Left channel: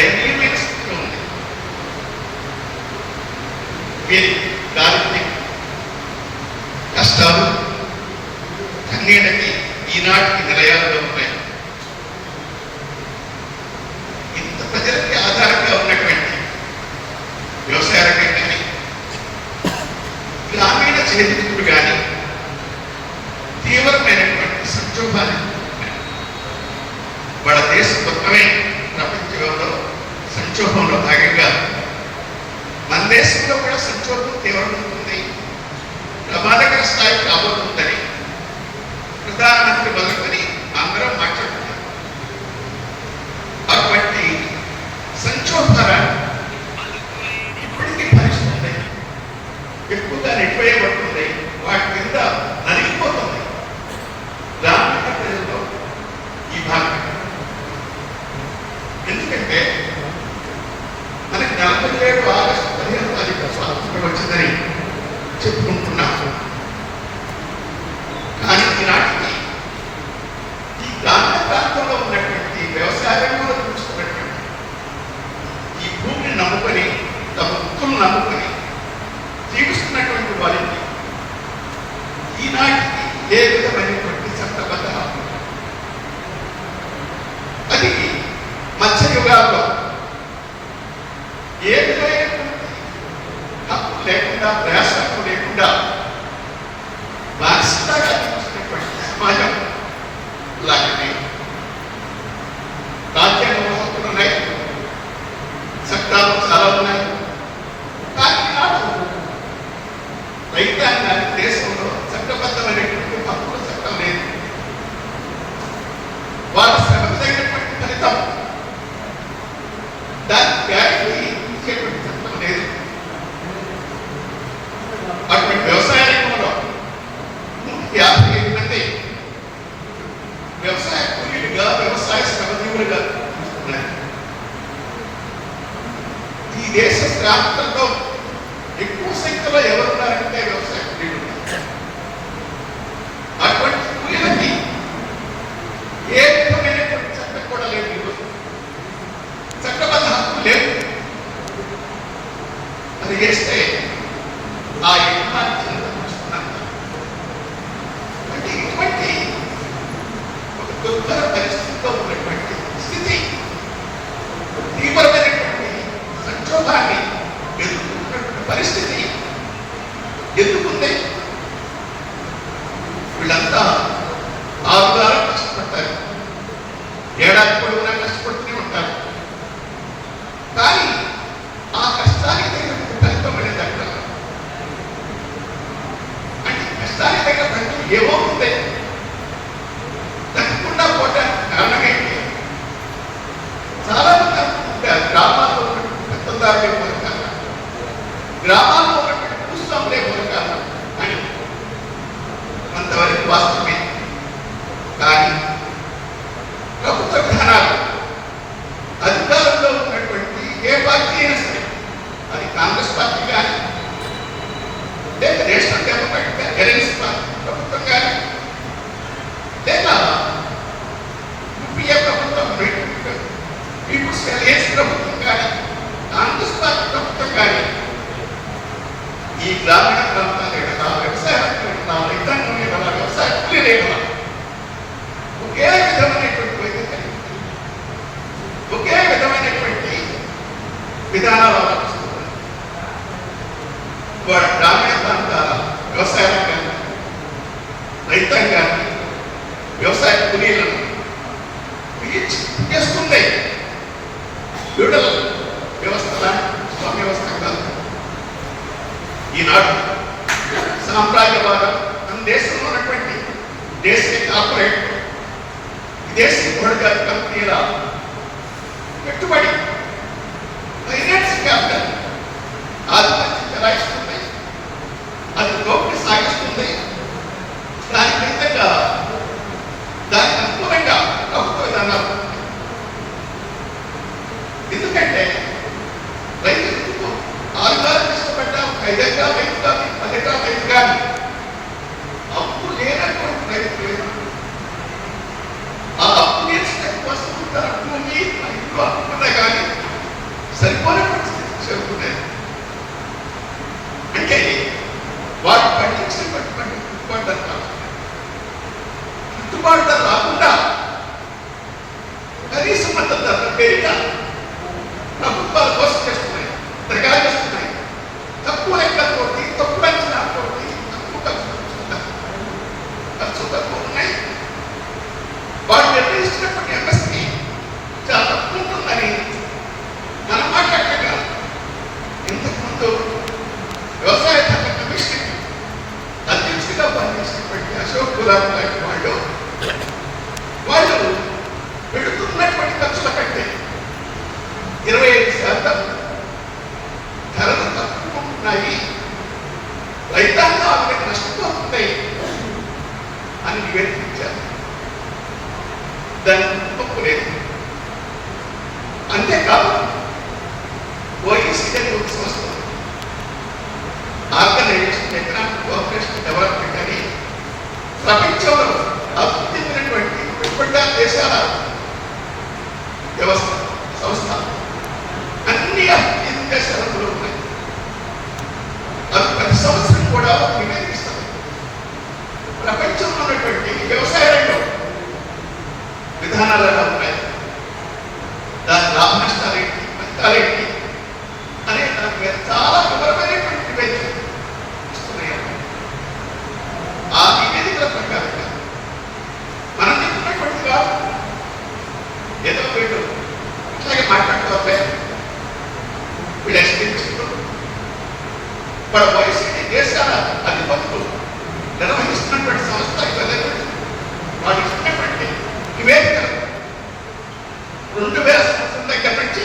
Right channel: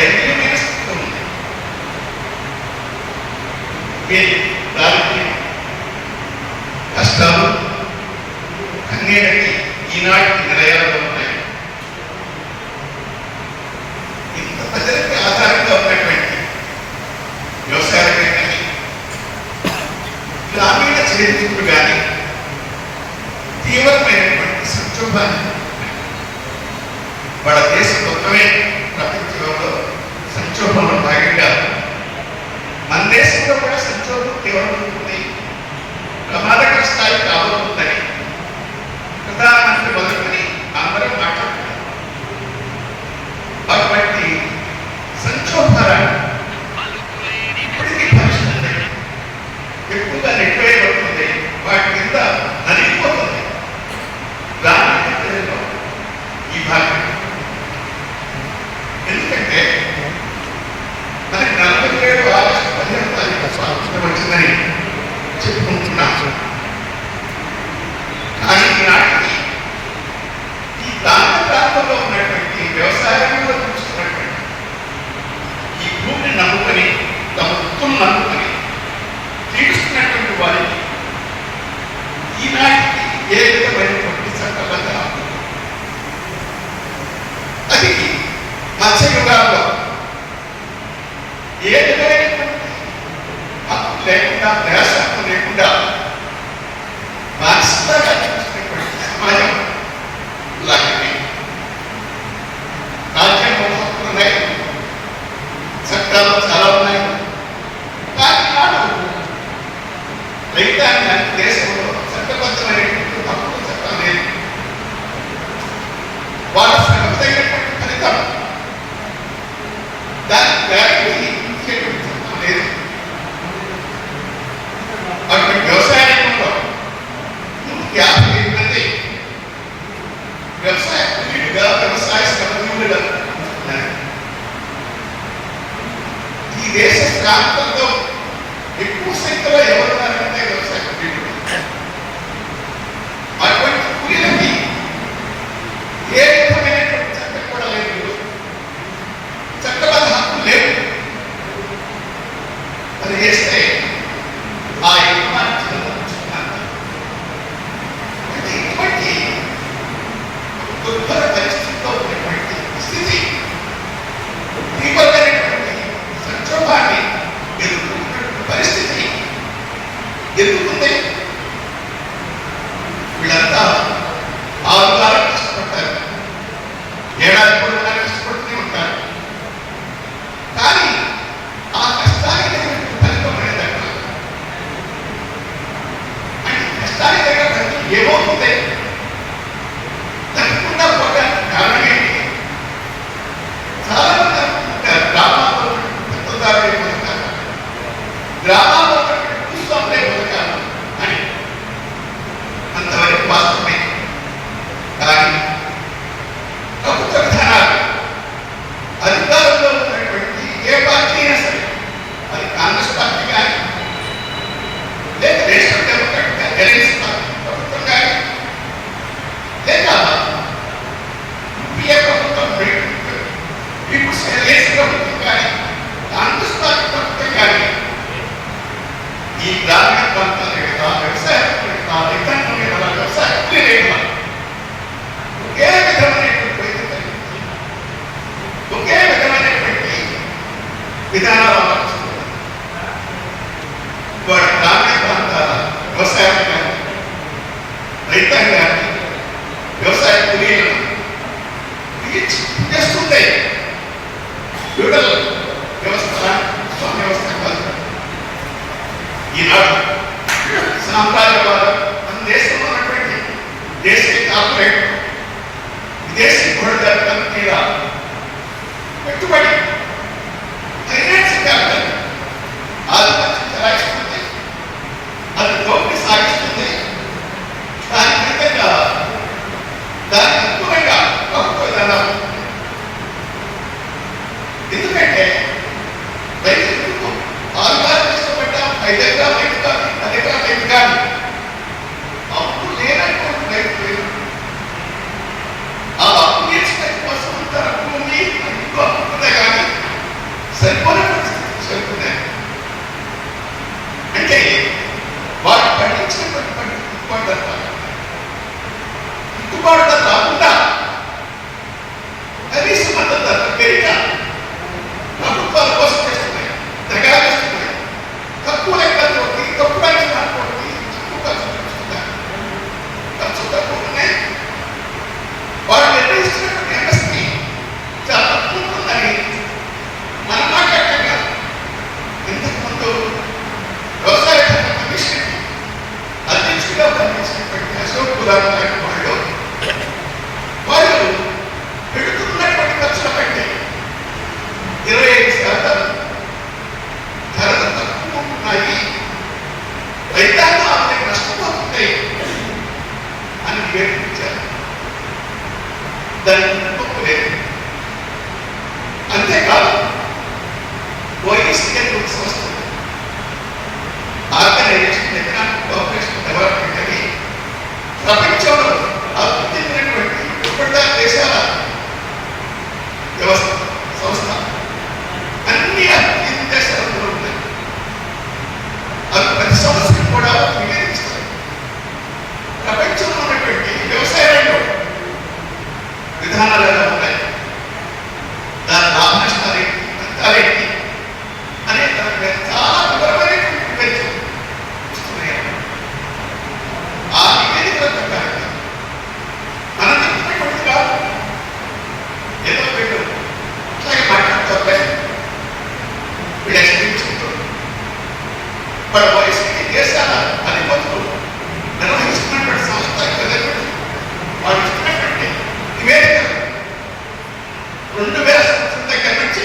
దయనీయమైన స్థితిలో ఉంది. మీరు దానికి కష్టాలు కన్నీళ్ళకి ఈనాటికి నిలయాలుగా ఉంటాయి. ఇంత ప్రజలకి ఆధారంగా ఉన్నటువంటి వ్యవసాయ రంగం కానీ గ్రామీణ చేతికులు కానీ తీవ్రమైనటువంటి సంక్షోభాన్ని వాళ్ళ దేశ మొత్తమే ప్రపంచంలో సంక్షోభంలో భాగంగా మన దేశంలో కూడా సంక్షోభం తీవ్రమవుతుంది, ప్రమాదకర స్థాయి కాబోతుందని ప్రధానమంత్రి మొదలుకొని అందరం మాట్లాడుతున్నారు. అటువంటి సంక్షోభాలను ఇప్పటికీ భవిష్యత్తు ఎక్కువగా నెట్టివేయబడుతుంది, వాటి కింద నలిగిపోతుంది గ్రామీణ ప్రజల్లో ఈ భాగం. ఎందుకంటే మనకి 47 ఆగస్టు 15వ తారీఖు స్వాతంత్రం వచ్చిందని చెప్పుకుంటున్నాం. కానీ ఈనాటికి ఈ ప్రాంత ప్రాంతంలో ఉన్నటువంటి వ్యవసాయంలో చూస్తున్నటువంటి ఈ భూమిని నమ్ముకొని తమ వృత్తులు నమ్ముకొని తీరుస్తున్నటువంటి వారికి ఈనాటికి ఏ విధమైనటువంటి చట్టబద్ధ అది మత్స్యయుగాల్లో ఏ విధమైనటువంటి హక్కు లేకుండా ప్రయాసక్కు లేకుండా బానిసగా చూసినటువంటి సమాజం లాంటిది. రాజ్యాంగంలో హక్కులు ఉన్నాయి, చట్టాలు చాలా ఉన్నాయి. కానీ నాడు రైతాంగానికి దేశంలో చట్టబద్ధమైనటువంటి హక్కులు చట్టం లేదు. వాళ్ళ శ్రమతైనటువంటి ఫలితం దానికి గ్యారంటీ ఇచ్చేటువంటి చట్టం లేదు. అటువంటి వ్యవసాయ రంగంలో 155 మంది వ్యవసాయ కూలీలుగా వ్యవసాయ శ్రమజీవులుగా ఉన్నారు. ఈ దేశ ప్రాంతంలో ఎక్కువ సంఖ్యలో ఎవరున్నారంటే వ్యవసాయ కూలీలు. అటువంటి కూలీలకి ఏ విధమైనటువంటి చట్టం కూడా లేదు, చట్టబద్ధ హక్కు లేదు. అది చేస్తే ఆ యజమాని ఇటువంటి దుర్భర పరిస్థితిలో ఉన్నటువంటి స్థితి తీవ్రమైనటువంటి సంక్షోభాన్ని ఎదుర్కొన్నటువంటి పరిస్థితి ఎదుర్కొంది. వీళ్ళంతా 6 వారాలు కష్టపడతారు, ఏడాది పొడవునా కష్టపడుతూనే ఉంటారు. కానీ ఆ కష్టానికి ఫలితం లేదక్కడ. అంటే కష్టానికి ఫలితం ఏమవుతుంది? తప్పకుండా పోవడానికి కారణం ఏంటి? చాలా మంది అనుకుంటారు గ్రామాల్లో పెద్దదారులే బతకాలి, గ్రామాల్లో భూస్వాములే బతకాలి అని. అంతవరకు వాస్తవమే. కానీ ప్రభుత్వ విధానాలు అధికారంలో ఉన్నటువంటి ఏ పార్టీ అయినా సరే, అది కాంగ్రెస్ పార్టీ కానీ లేక నేషనల్ డెమోక్రాటిక్ అలయన్స్ ప్రభుత్వం కానీ లేక యూపీఏ ప్రభుత్వం పీపుల్స్ అలయన్స్ ప్రభుత్వం కానీ కాంగ్రెస్ పార్టీ ప్రభుత్వం కానీ ఈ గ్రామీణ ప్రాంతాల కదా, వ్యవసాయ రైతాంగం కదా, వ్యవసాయ కూలీలే కదా ఒకే విధమైనటువంటి వైద్యం, ఒకే విధమైనటువంటి విధానాలు అవలంబిస్తున్నారు. వాటి గ్రామీణ ప్రాంతాల వ్యవసాయం కానీ రైతాంగాన్ని వ్యవసాయ కూలీలను చేస్తుంది. ఫ్యూడల్ వ్యవస్థ స్వామ్య వ్యవస్థ కాదు. ఈనాడు సామ్రాజ్యవాదం మన దేశంలో ఉన్నటువంటి దేశీ కార్పొరేట్ విదేశీ గృహ కంపెనీల పెట్టుబడి ఫైనాన్స్ క్యాపిటల్ ఆధిపత్యం చెలాయిస్తుంది, అది దోపిడీ సాగిస్తుంది. దాని ఫలితంగా దానికి అనుకూలంగా ప్రభుత్వ విధానాలు. ఎందుకంటే రైతులకు 6 గారు కష్టపడ్డా 5 ఎకరాలు రైతు కాదు, 10 ఎకరాలు రైతు కాదు. అప్పుడు లేనటువంటి రైతు లేదు. ఆ అప్పు కోసం అప్పు ఉంది, ఇంట్లో అప్పుదే కానీ సంస్థ అన్ని అభివృద్ధి దేశాలలో ఉన్నాయి. అది ప్రతి సంవత్సరం కూడా నివేదిస్తారు. ప్రపంచంలో ఉన్నటువంటి వ్యవసాయ రంగం విధానాలు ఎలా ఉన్నాయి, దాని లాభ నష్టాలేంటి, నష్టాలేంటి అనే దాని మీద చాలా వివరమైనటువంటి నివేదిక ఇస్తున్నాయి. ఆ నివేదికల ప్రకారంగా మనం చెప్పినటువంటి కాదు, ఏదో వీళ్ళు అట్లాగే మాట్లాడుతూ వీళ్ళు ఎక్స్పీరియన్స్ వాళ్ళ వయసుకి దేశాల అధిపతులు నిర్వహిస్తున్నటువంటి సంస్థలు వాళ్ళు ఇస్తున్నటువంటి నివేదికలు 2000 సంవత్సరం దగ్గర నుంచి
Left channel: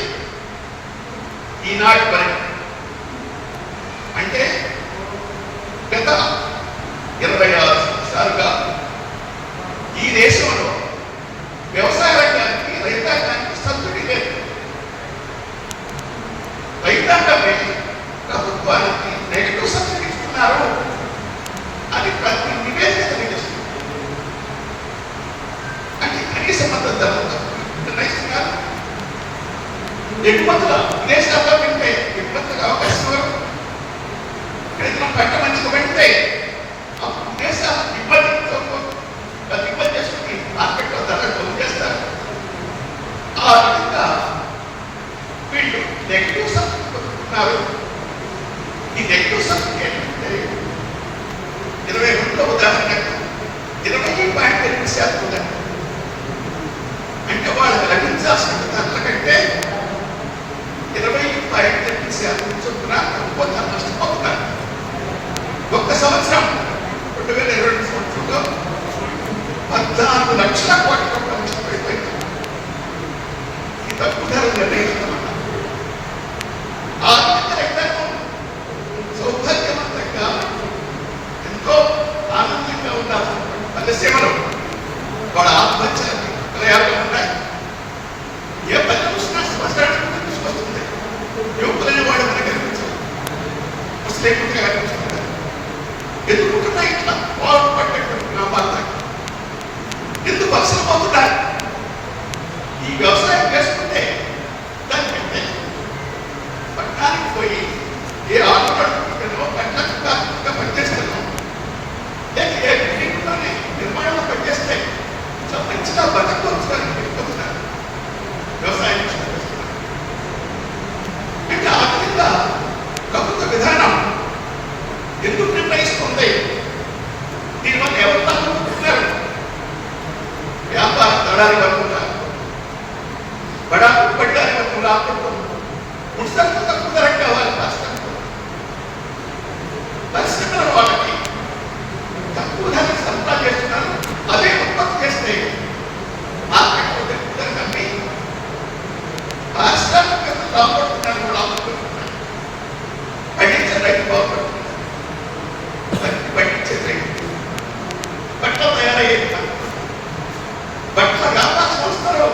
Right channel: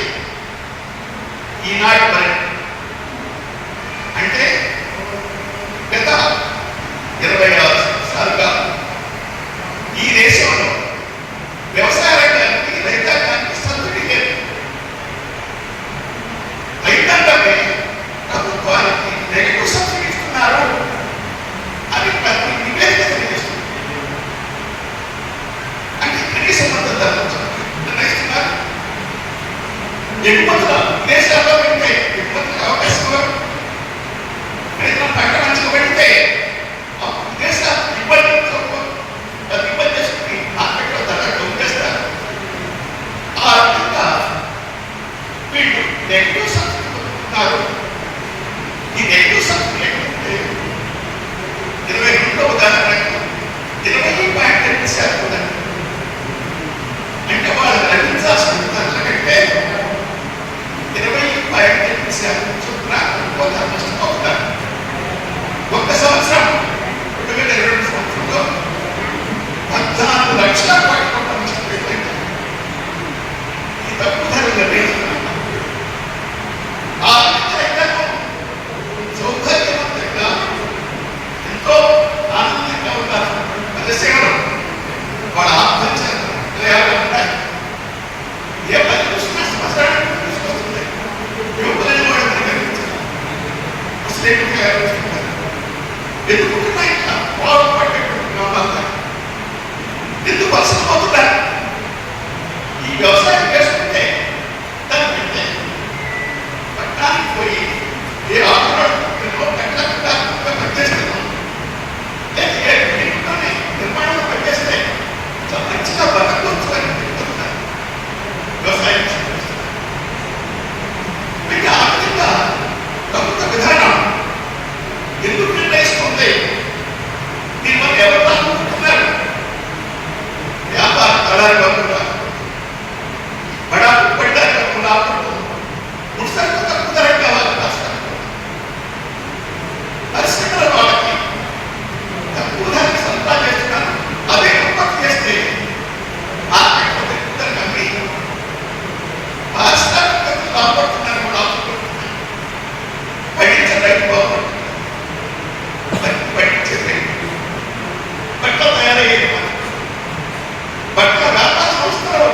ఈనాటి వరకు అంటే గత 26 సంవత్సరాలుగా ఈ దేశంలో వ్యవసాయ రంగానికి రైతాంగానికి సబ్సిడీ లేదు. రైతాంగమే ప్రభుత్వానికి నెగిటివ్ సబ్సిడీ ఇస్తున్నారు అని ప్రతి నివేదిక తెలియజేస్తుంది. అంటే కనీస మద్దతు ధర నిర్ణయిస్తున్నారు. ఎగుమతుల విదేశాల్లో పెడితే ఎగుమతుల అవకాశం రైతుల పంట మంచిగా పెడితే విదేశాలు ఇబ్బంది చేసుకుని మార్కెట్లో ధర డౌన్ చేస్తారు. ఆ విధంగా వీళ్ళు నెగిటివ్ సబ్సిడీ పొందుతున్నారు. ఈ నెగిటివ్ సబ్సిడీ ఏంటంటే 22 ఉదాహరణకు 20.8% ఉందండి. అంటే వాళ్ళు గ్రహించాల్సిన దాంట్లో కంటే 20.8% చొప్పున ఒక్కొక్కరు నష్టపోతున్నారు. ఒక్క సంవత్సరం 2022 సంవత్సరంలో 14 లక్షల కోట్ల రూపాయలు నష్టపోయింది. ఈ తప్పు ధరలు నిర్ణయిస్తున్నాం. ఆ రైతాంగం సౌకర్యవంతంగా ఎంతో ఆనందంగా ఉన్నారు. పల్లెసీమలో వాళ్ళ ఆత్మహత్యలు ఉంటాయి. ఏ పని చూసినా సంవత్సరానికి తీసుకొస్తుంది. యువకులని కూడా మనకి కనిపించారు. అసలు ఎందుకుంటున్నాయి ఇట్లా బాగుపడేటువంటి గ్రామాలు ఎందుకు వలసపోతున్నారు? ఈ వ్యవసాయం చేసుకుంటే దానికంటే పట్టణానికి పోయి ఏ ఆటలో పట్టణంగా పనిచేస్తున్నాం లేక ఏ బిల్డింగ్లోనే నిర్మాణంలో పనిచేస్తే మంచిగా బతకొచ్చు అని పెట్టుకుంటున్నారు. వ్యవసాయం అంటే ఆ విధంగా ప్రభుత్వ విధానం ఎందుకు నిర్ణయిస్తుంది? దీనివల్ల ఎవరు అనుకుంటున్నారు? వ్యాపార దళారి వర్గంగా బడా ఉత్పత్తిదారి వర్గం లాభపడుతుంది. ముడిసరుకు తక్కువ ధరకు కావాలి రాష్ట్రానికి. పరిశ్రమల వాళ్ళకి తక్కువ ధరకు సరఫరా చేస్తున్నారు. అదే ఉత్పత్తి చేస్తే మార్కెట్లో తక్కువ ధరకు అమ్మి పారిశ్రామిక లాభపడుతున్నారు, లాభపడుతున్నారు. పండించే రైతు బాగుపడుతున్నారు. పండించే రైతు బట్టలు తయారయ్యేది బట్టల వ్యాపార సంస్థలు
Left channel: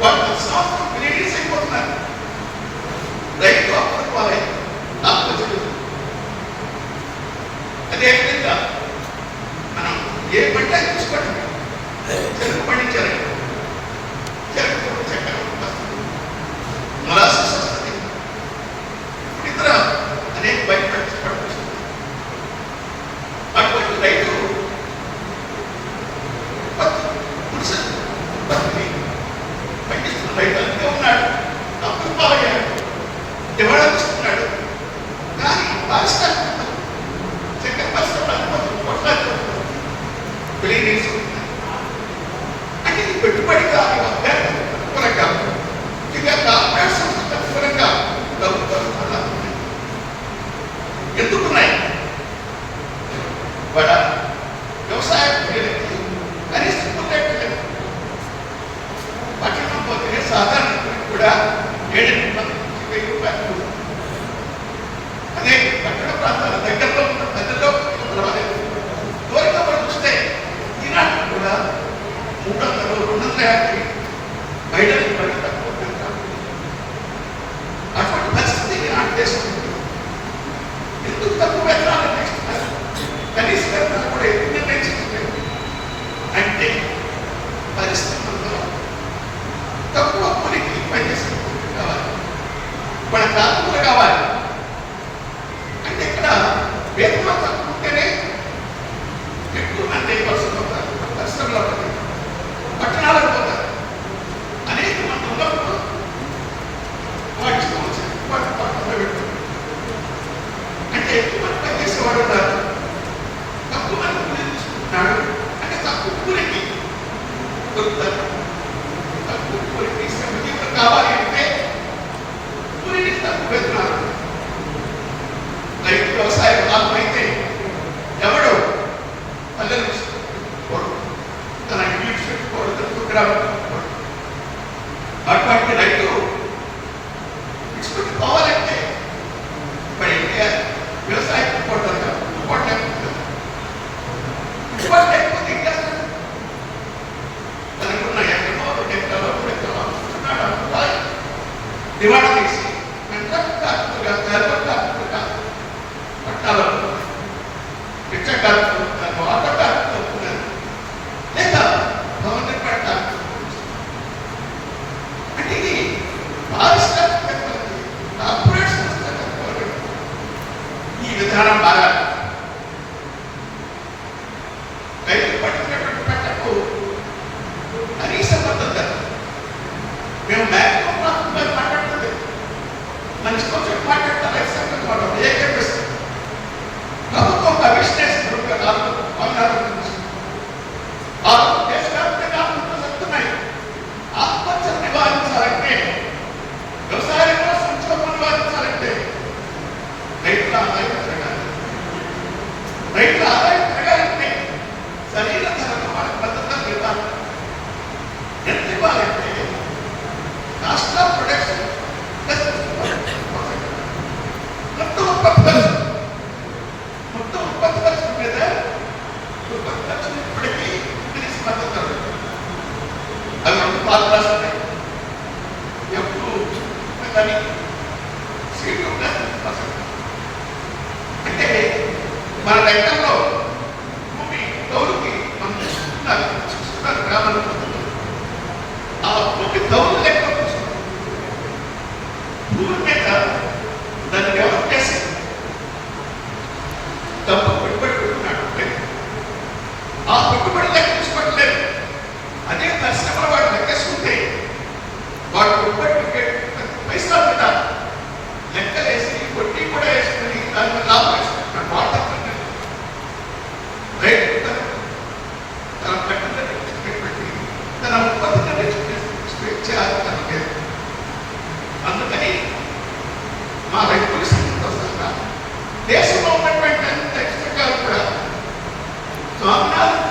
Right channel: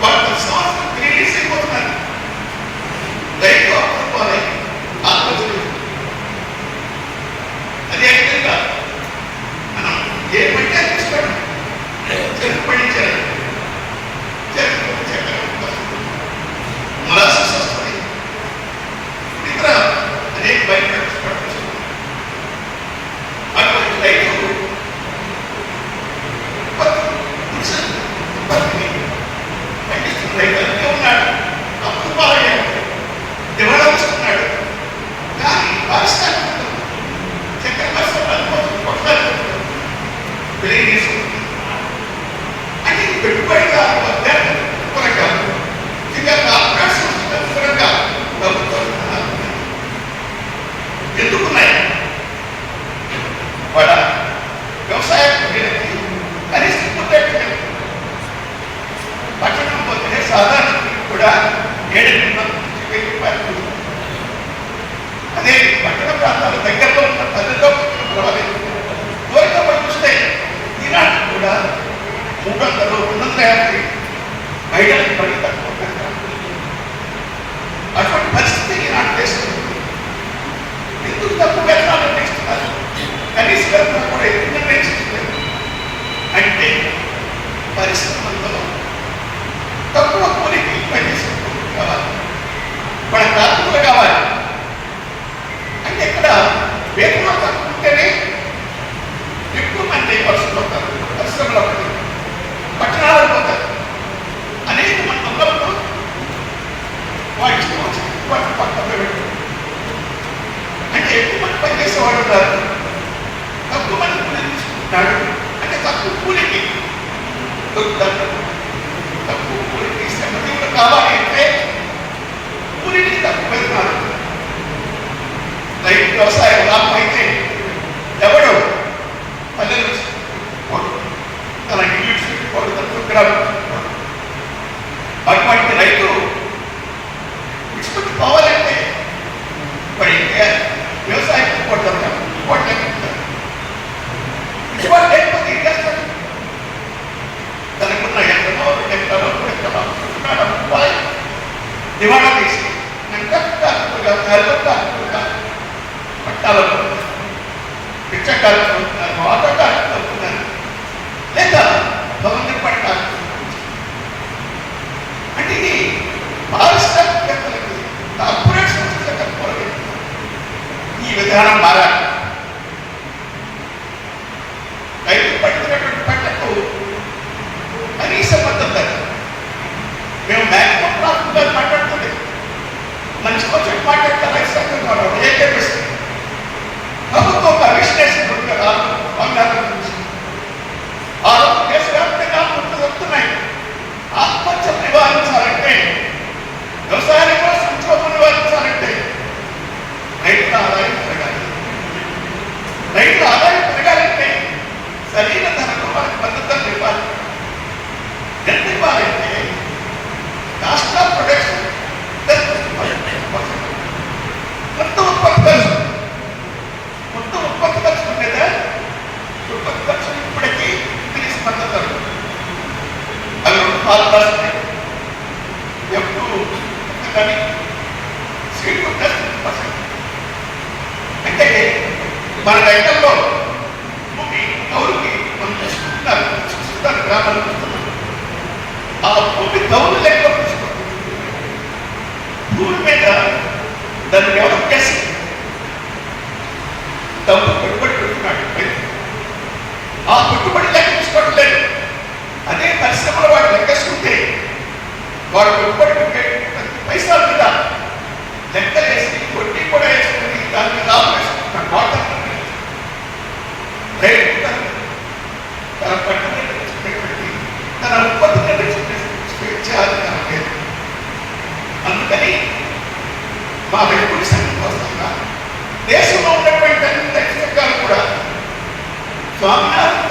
వాళ్ళ సంవత్సరం రిలీజ్ అయిపోతున్నారు. రైతు అప్పుడుకోవాలి ఆత్మహత్యలు. అదే విధంగా మనం ఏ పంట తీసుకోండి, చెరుకు పండించారు, చెరుకు చక్కెర మొలాసెస్ వస్తుంది, ఇతర అనేక బయట పండించుకుంటారు. అటువంటి రైతు పండిస్తున్న రైతు అన్నీ ఉన్నాడు, అప్పుడు పాలయ్యాడు, డెవలప్ చేస్తున్నాడు. కానీ పారిశ్రామిక చక్కెర పరిశ్రమ కొట్లాడుతున్నాడు, అంటే పెట్టుబడి కాదు త్వరగా ఇంకా కార్పొరేట్ సంస్థలు త్వరగా ప్రభుత్వం ఎందుకున్నాయి? వాళ్ళ వ్యవసాయ కనీసం పట్టణం పోతే సాధారణ కూడా 7,000 రూపాయలు. అదే పట్టణ ప్రాంతాల దగ్గరలో ఉన్న పల్లెల్లో దూరంగా పడి చూస్తే ఈనాడు కూడా 300, 250 మహిళలకు పని తక్కువ. అటువంటి పరిస్థితి ఈనాడు దేశం. ఎందుకు తక్కువ వేతనాలు నిర్ణయిస్తున్నారు? కనీస వేతనాలు కూడా ఎందుకు నిర్ణయించలేదు? అంటే పరిశ్రమల్లో తక్కువ కూలికి పనిచేస్తున్నారు. వాడు ఇష్టం వచ్చింది వాడు పక్కన పెట్టు అంటే ఎక్కువ మంది పని చేసేవాడు ఉన్నారు, తక్కువ మంది కూలి తీసుకుంటున్నాడు. అంటే తక్కువ కూలికి దొరుకుతారు, తక్కువ కూలికి ఇష్టం కావాలి అంటే కూలికి తక్కువ పెడుతున్నారు. రైతు వ్యవసాయం లాభం అయితే ఎవడు పల్లెలు తన ఇల్లు పెట్టుకోడు, తన సుగ్రాలు అటువంటి రైతు ఇష్టం పోవాలంటే మరి వ్యవసాయం కొట్టారు లేకపోతే ఏం చేస్తాడు? తనకున్న ఎక్కడో 2 ఎకరాలు 3 ఎకరాలు డిమాండ్ చేసి పట్టాలు పిచ్చకాలు అవుతున్నారు, ఆటోకాలు అవుతున్నారు, లేదా భవన పట్టాలు. అంటే ఇది పారిశ్రామికవేత్తలకు, కార్పొరేట్ సంస్థలకు ఈ విధానం మారాలి. రైతు పట్టుకున్నటువంటి పంటకు కనీస మద్దతు మేము మ్యాక్సిమం ప్రాఫిట్ మాట్లాడుతుంది, మంచి కొంచెం మాట్లాడతారు. రైతు సంఘం వాళ్ళు ఏం చెప్పిస్తారు? ప్రభుత్వం ఒక విశ్లేషణ 2004 నుంచి దేశవ్యాప్తంగా వస్తున్నాయి. ఆత్మహత్యలు నివారించాలంటే, వ్యవసాయంలో సంక్షోభం నివారించాలంటే రైతుల ఆదాయం పెరగాలి. రైతుల ఆదాయం పెరగాలంటే సరైన ధరలో వాళ్ళకి మద్దతులు ఇవ్వాలి. ఎంత ఇవ్వాలంటే కాస్ట్ ఆఫ్ ప్రొడక్షన్ మొత్తం ఉత్పత్తి ఖర్చు ఉండేదా? ఉత్పత్తి ఖర్చు ఇప్పటికీ ఇంగ్లీష్ మద్దతు అవి 2 పాలు రాస్తున్నాయి. ఎప్పుడు కానీ సీట్లు అంటే మన రైతుల్లో భూమి కౌలుకి చూస్తున్నారు గ్రామాలు. ఆ భూమి కౌలు లెక్క భూమి మీద దాన్ని డెవలప్ చేసి డబ్బు పెట్టుబడి పెడుతున్నాడు. ఆ పెట్టుబడి లెక్క చూసుకోవట్లేదు. అదే పరిశ్రమల వాడు లెక్కేసుకుంటే వాడు పెట్టుబడి పైసలు మీద లెక్కలేసి వడ్డీ కూడా వేసుకుని దాని మీద లాభం వేసుకుంటున్నాడు. వాటర్ రైతు తన పెట్టి తన ఉత్పత్తి స్వేచ్ఛాది. అందుకని మా రైతుల సంఘంగా దేశంలో ఉన్నటువంటి అన్ని సంఘాలు కూడా స్వామినాథన్